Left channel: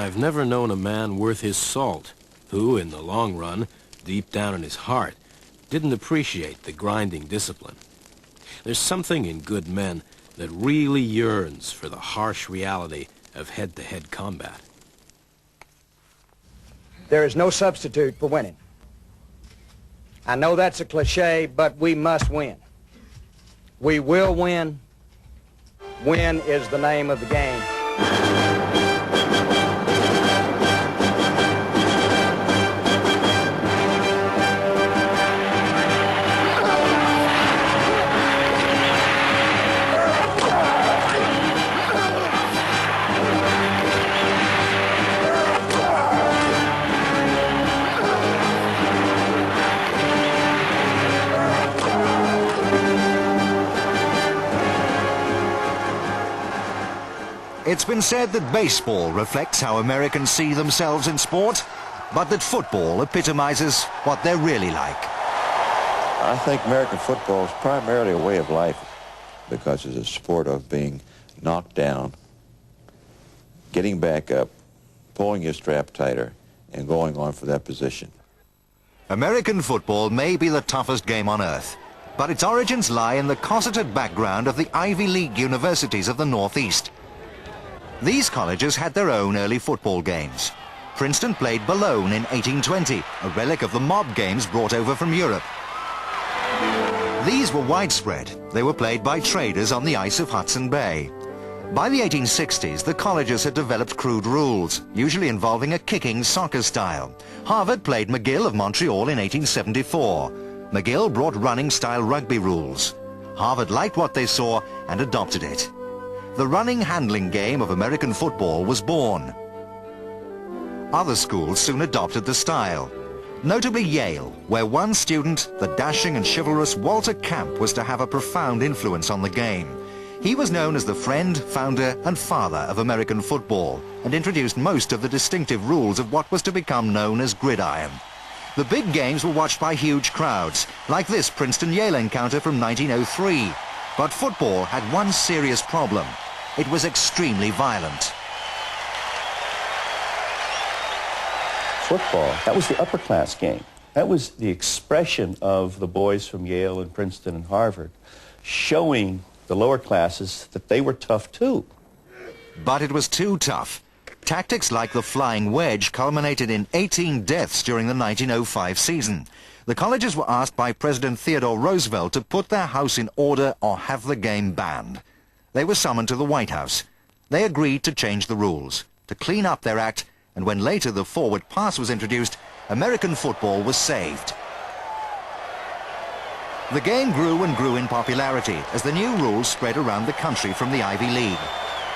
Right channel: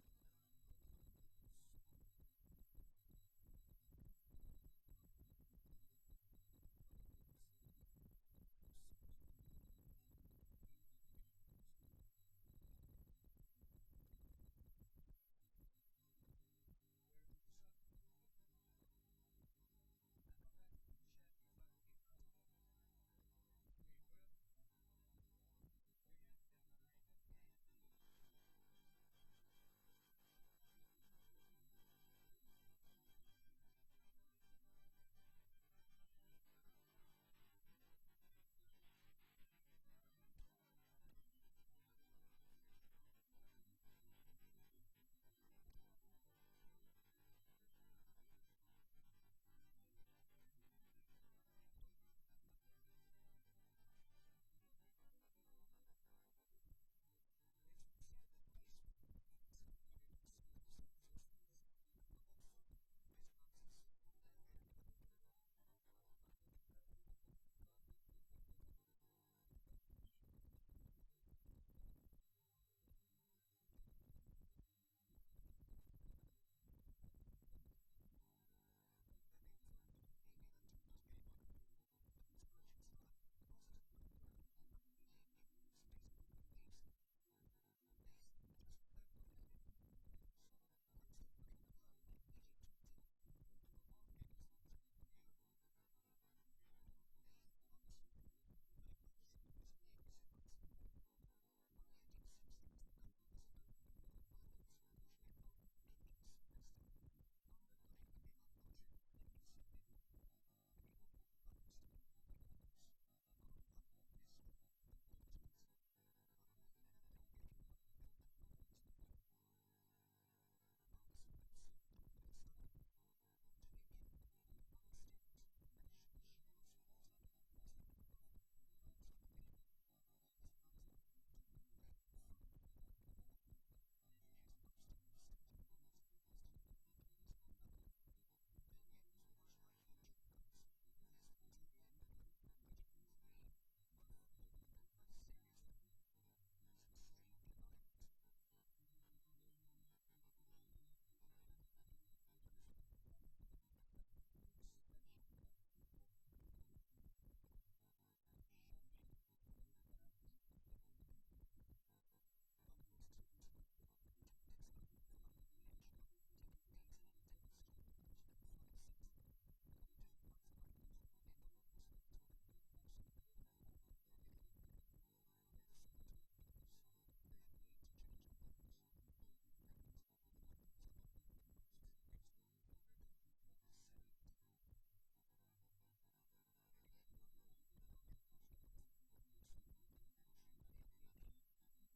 I've never known a man worth his salt who, in the long run, deep down in his heart, didn't appreciate the grinding discipline. There's something in good men that really yearns for the harsh reality of head-to-head combat. There is no substitute for winning. I know that's a cliche, but we must win. We will win. Win is the name of the game. It's been said that baseball reflects how Americans see themselves in sport, but that football epitomizes what they're really like. I think American football is primarily a way of life because it's a sport of being knocked down, getting back up, pulling your strap tighter, and going on for that position. American football may be the toughest game on earth, but its origins lie in the cosseted background of the Ivy League universities of the Northeast. These colleges had their own early football games. Princeton played Boulogne in 1820, a relic of the mob games brought over from Europe. These were widespread. They were played by traders on the ice of Hudson Bay. By the 1860s, the colleges had developed crude rules, usually involving a kicking soccer style. Harvard played McGill of Montreal in 1874. McGill brought running-style rugby rules. Harvard liked what they saw and adopted it. The running handling game of American football was born. Other schools soon adopted the style, notably Yale, where one student, the dashing and chivalrous Walter Camp, was to have a profound influence on the game. He was known as the friend, founder and father of American football and introduced most of the distinctive rules of what was to become known as gridiron. The big games were watched by huge crowds, like this Princeton-Yale encounter from 1903. But football had one serious problem. It was extremely violent. Football, that was the upper class game. That was the expression of the boys from Yale and Princeton and Harvard, showing the lower classes that they were tough too. But it was too tough. Tactics like the flying wedge culminated in 18 deaths during the 1905 season. The colleges were asked by President Theodore Roosevelt to put their house in order or have the game banned. They were summoned to the White House. They agreed to change the rules, to clean up their act, and when later the forward pass was introduced, American football was saved. The game grew and grew in popularity as the new rules spread around the country from the Ivy League.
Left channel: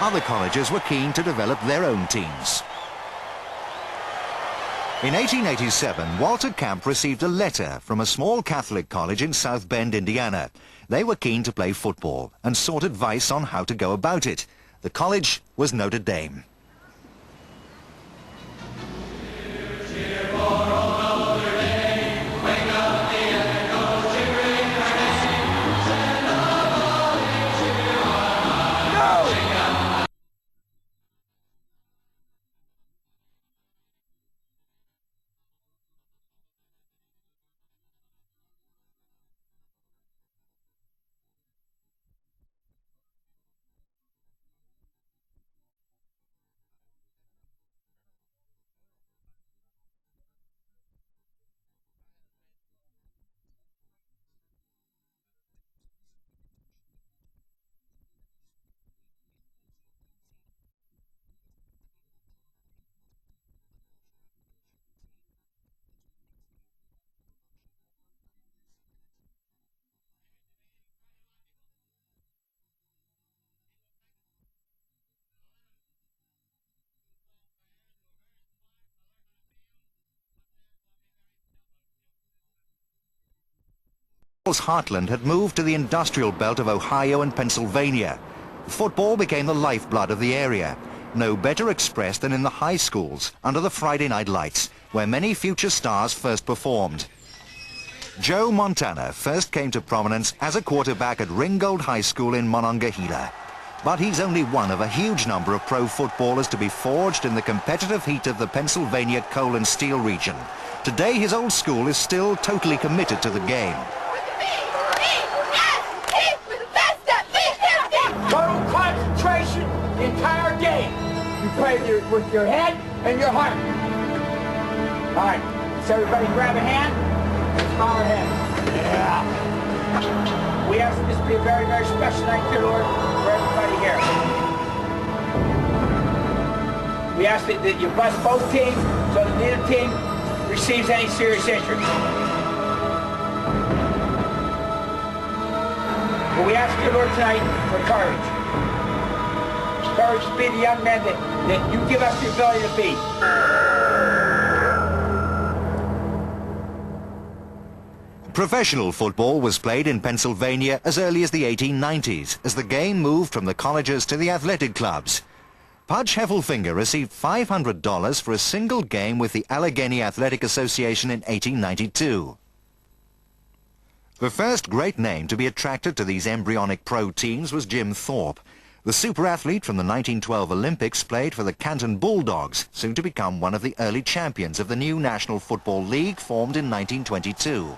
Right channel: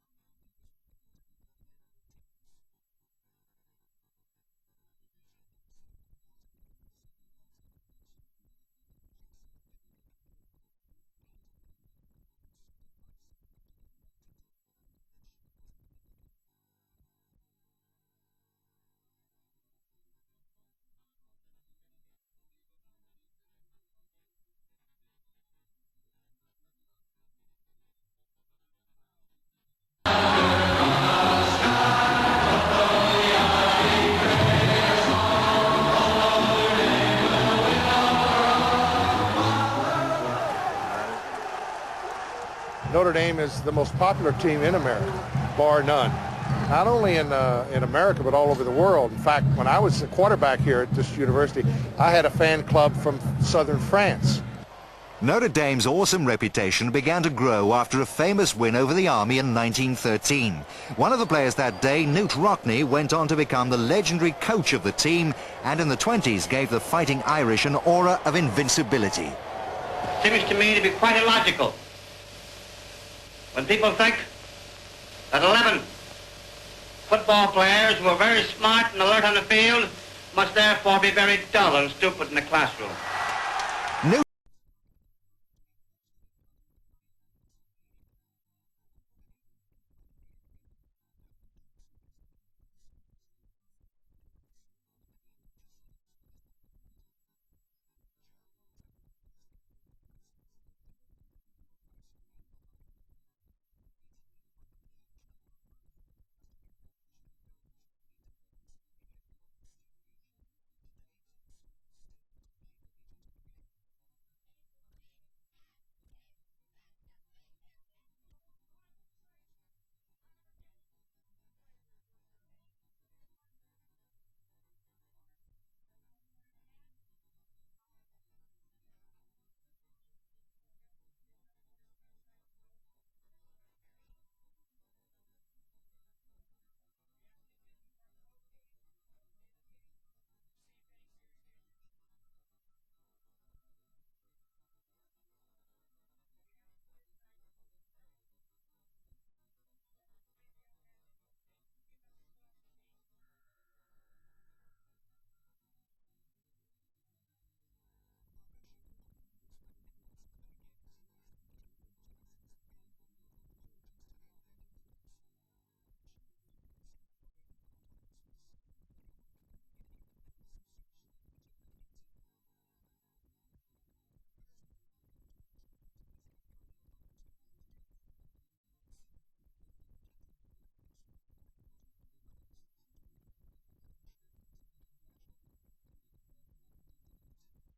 Other colleges were keen to develop their own teams. In 1887, Walter Camp received a letter from a small Catholic college in South Bend, Indiana. They were keen to play football and sought advice on how to go about it. The college was Notre Dame. Notre Dame is the most popular team in America, bar none. Not only in America, but all over the world. In fact, when I was a quarterback here at this university, I had a fan club from southern France. Notre Dame's awesome reputation began to grow after a famous win over the Army in 1913. One of the players that day, Newt Rockne, went on to become the legendary coach of the team, and in the 20s gave the Fighting Irish an aura of invincibility. Seems to me to be quite illogical. When people think that 11 football players who are very smart and alert on the field must therefore be very dull and stupid in the classroom. Newell's heartland had moved to the industrial belt of Ohio and Pennsylvania. Football became the lifeblood of the area, no better expressed than in the high schools under the Friday night lights, where many future stars first performed. Joe Montana first came to prominence as a quarterback at Ringgold High School in Monongahela. But he's only one of a huge number of pro footballers to be forged in the competitive heat of the Pennsylvania coal and steel region. Today, his old school is still totally committed to the game. Total concentration, the entire game. You play with your head and your heart. All right, so everybody grab a hand and smile ahead. Yeah. We ask this to be a very, very special night, dear Lord, for everybody here. We ask that you bless both teams so that neither team receives any serious injury. But we ask you, Lord, tonight for courage. Courage to be the young men that you give us the ability to be. Professional football was played in Pennsylvania as early as the 1890s, as the game moved from the colleges to the athletic clubs. Pudge Heffelfinger received $500 for a single game with the Allegheny Athletic Association in 1892. The first great name to be attracted to these embryonic pro teams was Jim Thorpe. The super athlete from the 1912 Olympics played for the Canton Bulldogs, soon to become one of the early champions of the new National Football League formed in 1922.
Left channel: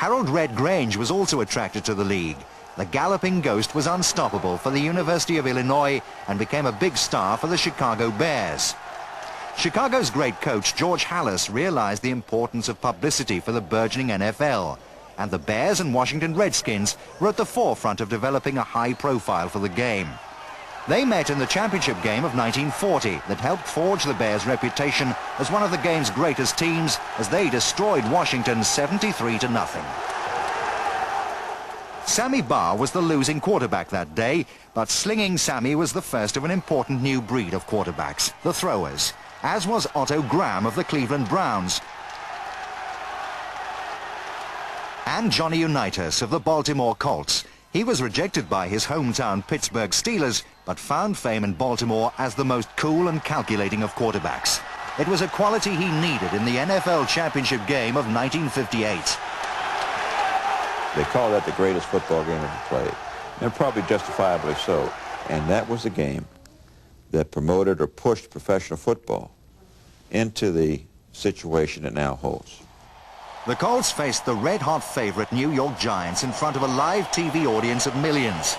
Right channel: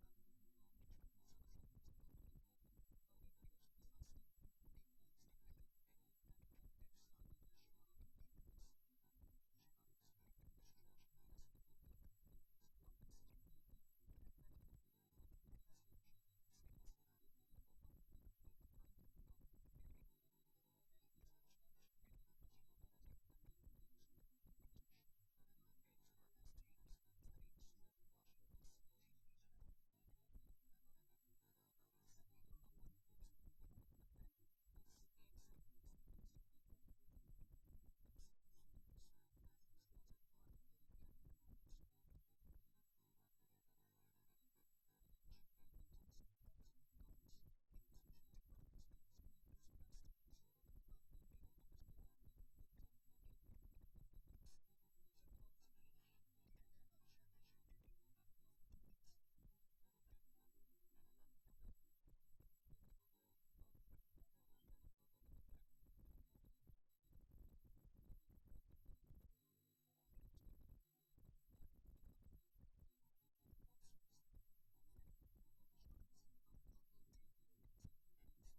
Harold Red Grange was also attracted to the league. The galloping ghost was unstoppable for the University of Illinois and became a big star for the Chicago Bears. Chicago's great coach George Halas realized the importance of publicity for the burgeoning NFL, and the Bears and Washington Redskins were at the forefront of developing a high profile for the game. They met in the championship game of 1940 that helped forge the Bears' reputation as one of the game's greatest teams as they destroyed Washington 73-0. Sammy Barr was the losing quarterback that day, but Slinging Sammy was the first of an important new breed of quarterbacks, the throwers, as was Otto Graham of the Cleveland Browns and Johnny Unitas of the Baltimore Colts. He was rejected by his hometown Pittsburgh Steelers, but found fame in Baltimore as the most cool and calculating of quarterbacks. It was a quality he needed in the NFL championship game of 1958. They call that the greatest football game ever played, and probably justifiably so. And that was the game that promoted or pushed professional football into the situation it now holds. The Colts faced the red-hot favorite New York Giants in front of a live TV audience of millions.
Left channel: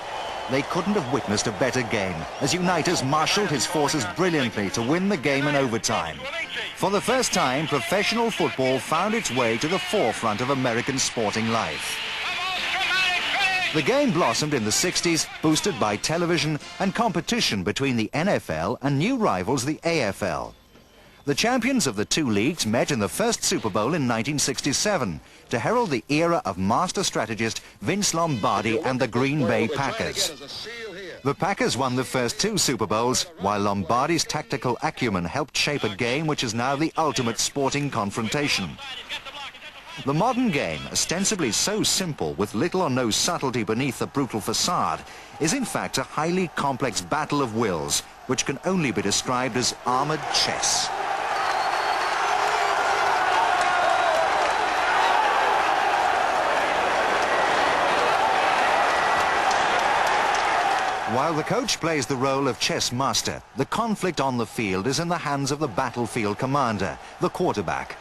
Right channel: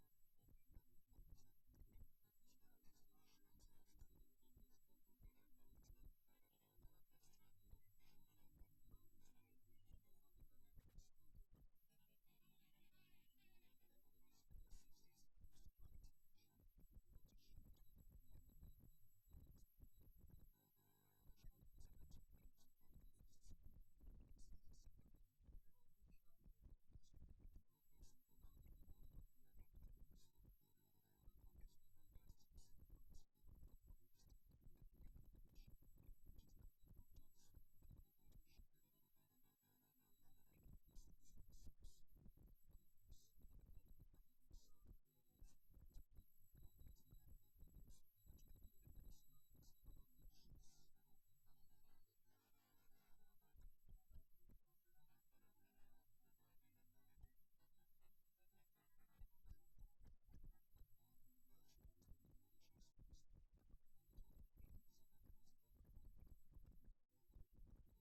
They couldn't have witnessed a better game, as Unitas marshaled his forces brilliantly to win the game in overtime. For the first time, professional football found its way to the forefront of American sporting life. The game blossomed in the 60s, boosted by television and competition between the NFL and new rivals, the AFL. The champions of the two leagues met in the first Super Bowl in 1967 to herald the era of master strategist Vince Lombardi and the Green Bay Packers. The Packers won the first two Super Bowls, while Lombardi's tactical acumen helped shape a game which is now the ultimate sporting confrontation. The modern game, ostensibly so simple with little or no subtlety beneath the brutal facade, is in fact a highly complex battle of wills, which can only be described as armored chess. While the coach plays the role of chess master, the conflict on the field is in the hands of the battlefield commander, the quarterback.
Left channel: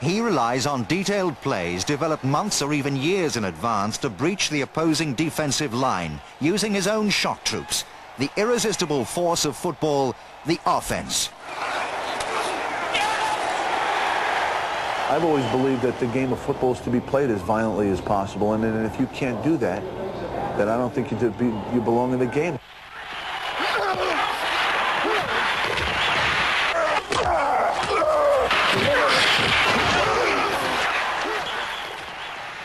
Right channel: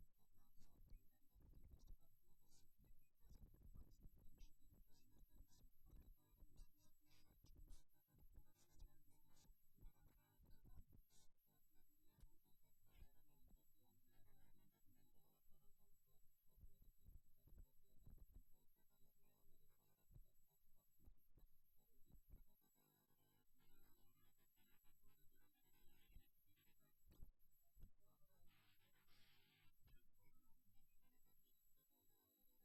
He relies on detailed plays developed months or even years in advance to breach the opposing defensive line, using his own shock troops, the irresistible force of football, the offense. I've always believed that the game of football is to be played as violently as possible, and if you can't do that, then I don't think you belong in the game.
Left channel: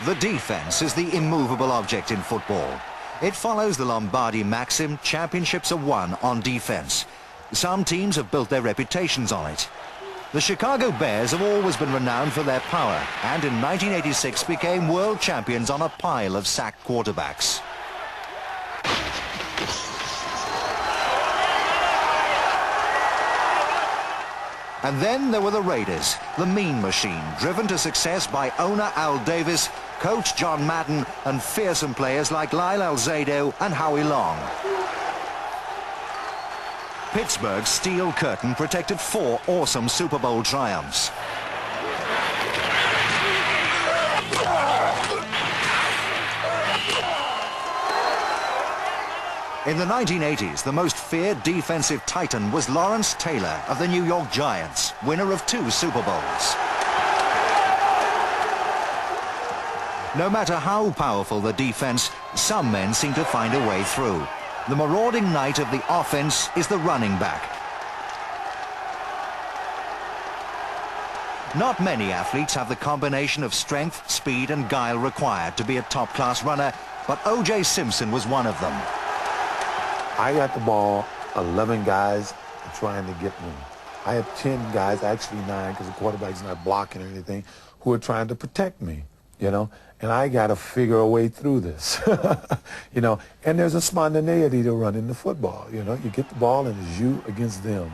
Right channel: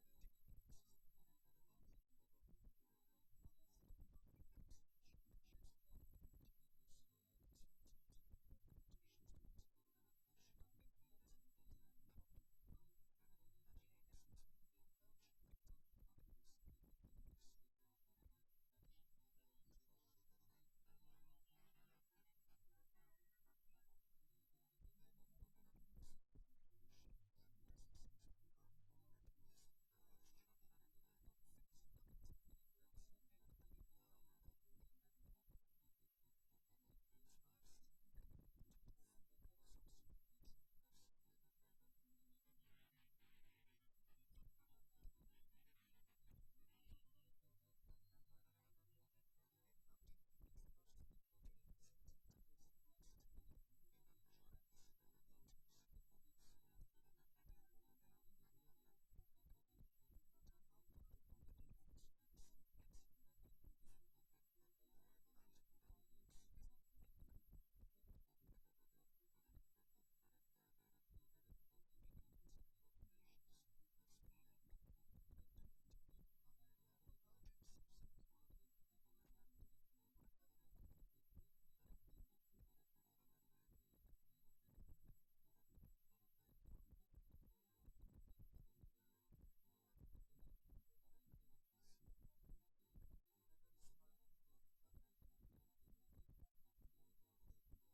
The defense is the immovable object in football. It follows the Lombardi maxim, championships are won on defense. Some teams have built their reputations on it. The Chicago Bears have always been renowned for their power, and in 1986 became world champions on a pile of sacked quarterbacks. And then there were the Raiders, the mean machine, driven to success by owner Al Davis, Coach John Madden and fearsome players like Lyle Alzado and Howie Long. Pittsburgh's steel curtain protected 4 awesome Super Bowl triumphs. In the 1980s, the most feared defensive titan was Lawrence Taylor of the New York Giants, winner of 2 Super Bowls. No matter how powerful the defense, some men seem to find a way through. The marauding knight of the offense is the running back. Not many athletes have the combination of strength, speed and guile required to be a top-class runner, but O.J. Simpson was one of them. I got the ball, 11 guys are trying to get me. I have 10 guys, actually 9, because the quarterback's not blocking or anything, who are trying to protect me, you know? And I got to figure a way through this, you know? And there's a spontaneity to running the football, you know? You get the ball and it's you against them.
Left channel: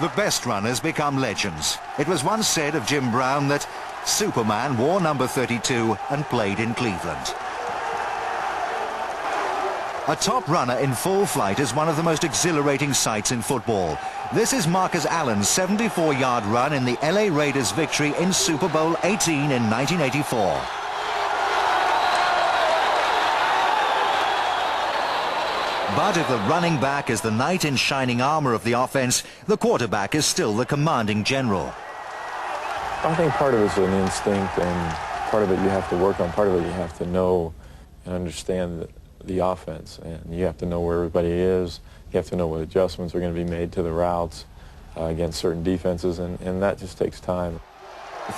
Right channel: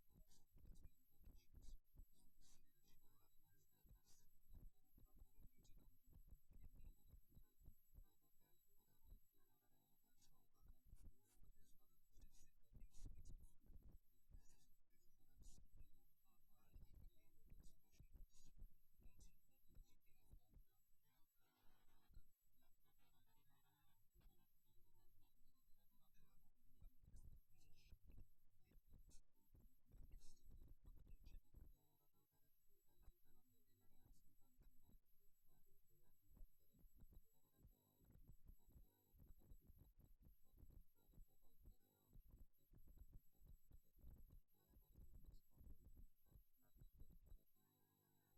The best runners become legends. It was once said of Jim Brown that Superman wore number 32 and played in Cleveland. A top runner in full flight is one of the most exhilarating sights in football. This is Marcus Allen's 74-yard run in the LA Raiders' victory in Super Bowl 18 in 1984. But if the running back is the knight in shining armor of the offense, the quarterback is still the commanding general. I think part of it's an instinct, and part of it you have to work on. Part of it you have to know and understand the offense, and you have to know where everybody is. You have to know what adjustments are going to be made to the routes against certain defenses, and that just takes time.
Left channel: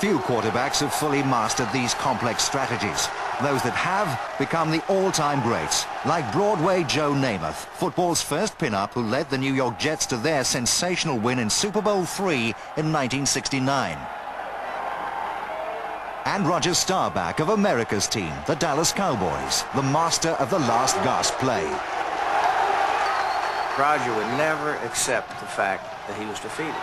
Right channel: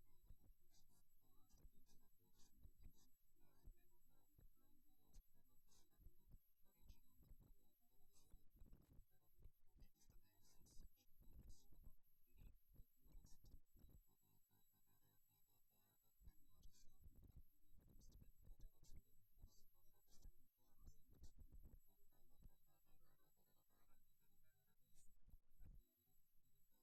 Few quarterbacks have fully mastered these complex strategies. Those that have become the all-time greats, like Broadway Joe Namath, football's first pin-up who led the New York Jets to their sensational win in Super Bowl III in 1969. And Roger Staubach of America's team, the Dallas Cowboys, the master of the last gasp play. Roger would never accept the fact that he was defeated.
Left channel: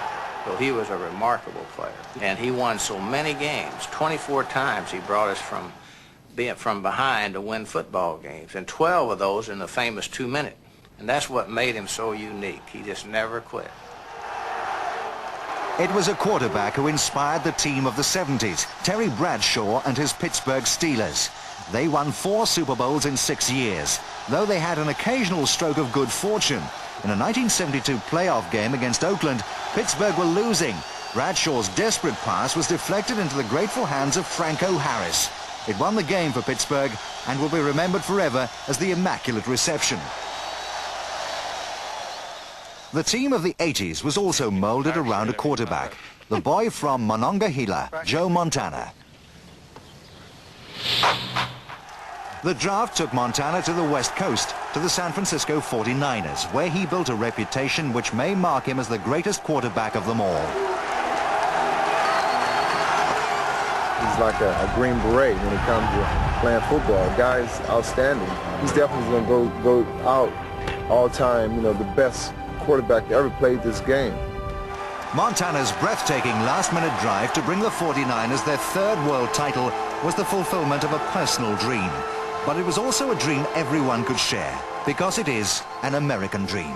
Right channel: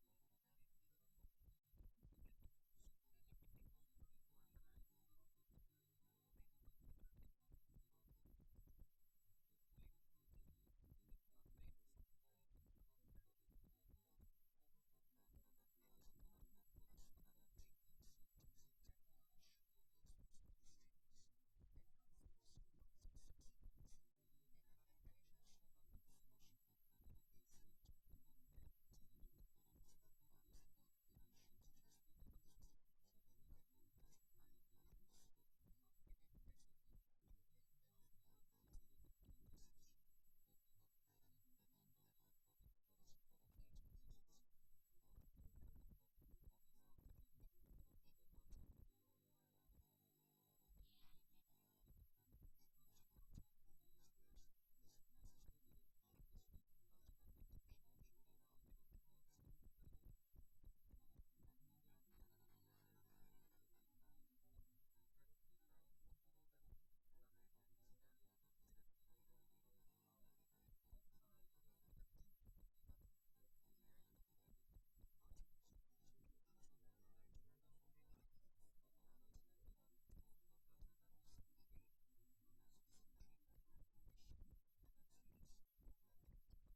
So he was a remarkable player, and he won so many games. 24 times he brought us from behind to win football games, and 12 of those in the famous 2-minute. And that's what made him so unique. He just never quit. It was a quarterback who inspired the team of the 70s, Terry Bradshaw and his Pittsburgh Steelers. They won 4 Super Bowls in 6 years, though they had an occasional stroke of good fortune. In a 1972 playoff game against Oakland, Pittsburgh were losing. Bradshaw's desperate pass was deflected into the grateful hands of Franco Harris. It won the game for Pittsburgh and will be remembered forever as the Immaculate Reception. The team of the 80s was also molded around a quarterback, the boy from Monongahela, Joe Montana. The draft took Montana to the West Coast, to the San Francisco 49ers, where he built a reputation which may mark him as the greatest quarterback of them all. He's like a Green Beret when it comes to playing football. The guy's outstanding. He's definitely going to go out all time, you know, the best quarterback that ever played this game. Montana's breathtaking last-minute drive to bring the 49ers their 3rd world title was the fulfillment of a personal dream. But it was also a dream everyone could share, because it is an American dream.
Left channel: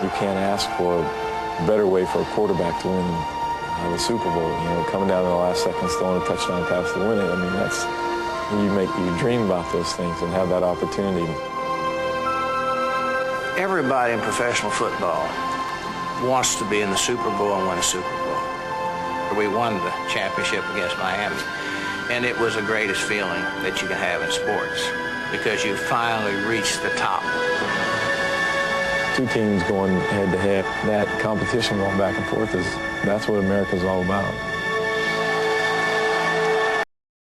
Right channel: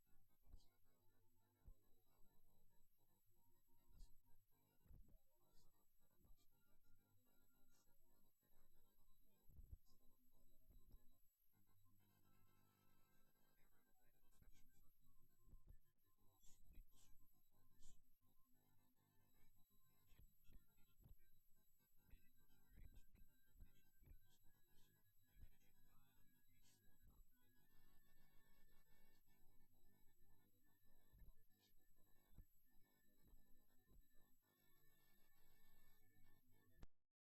You can't ask for a better way for a quarterback to win the Super Bowl. You know, coming down to the last seconds, throwing a touchdown pass to win it. I mean, that's, you dream about those things and have that opportunity. Everybody in professional football wants to be in the Super Bowl and win a Super Bowl. We won the championship against Miami, and it was the greatest feeling that you can have in sports, because you finally reached the top. 2 teams going head-to-head, that competition going back and forth, that's what America's all about.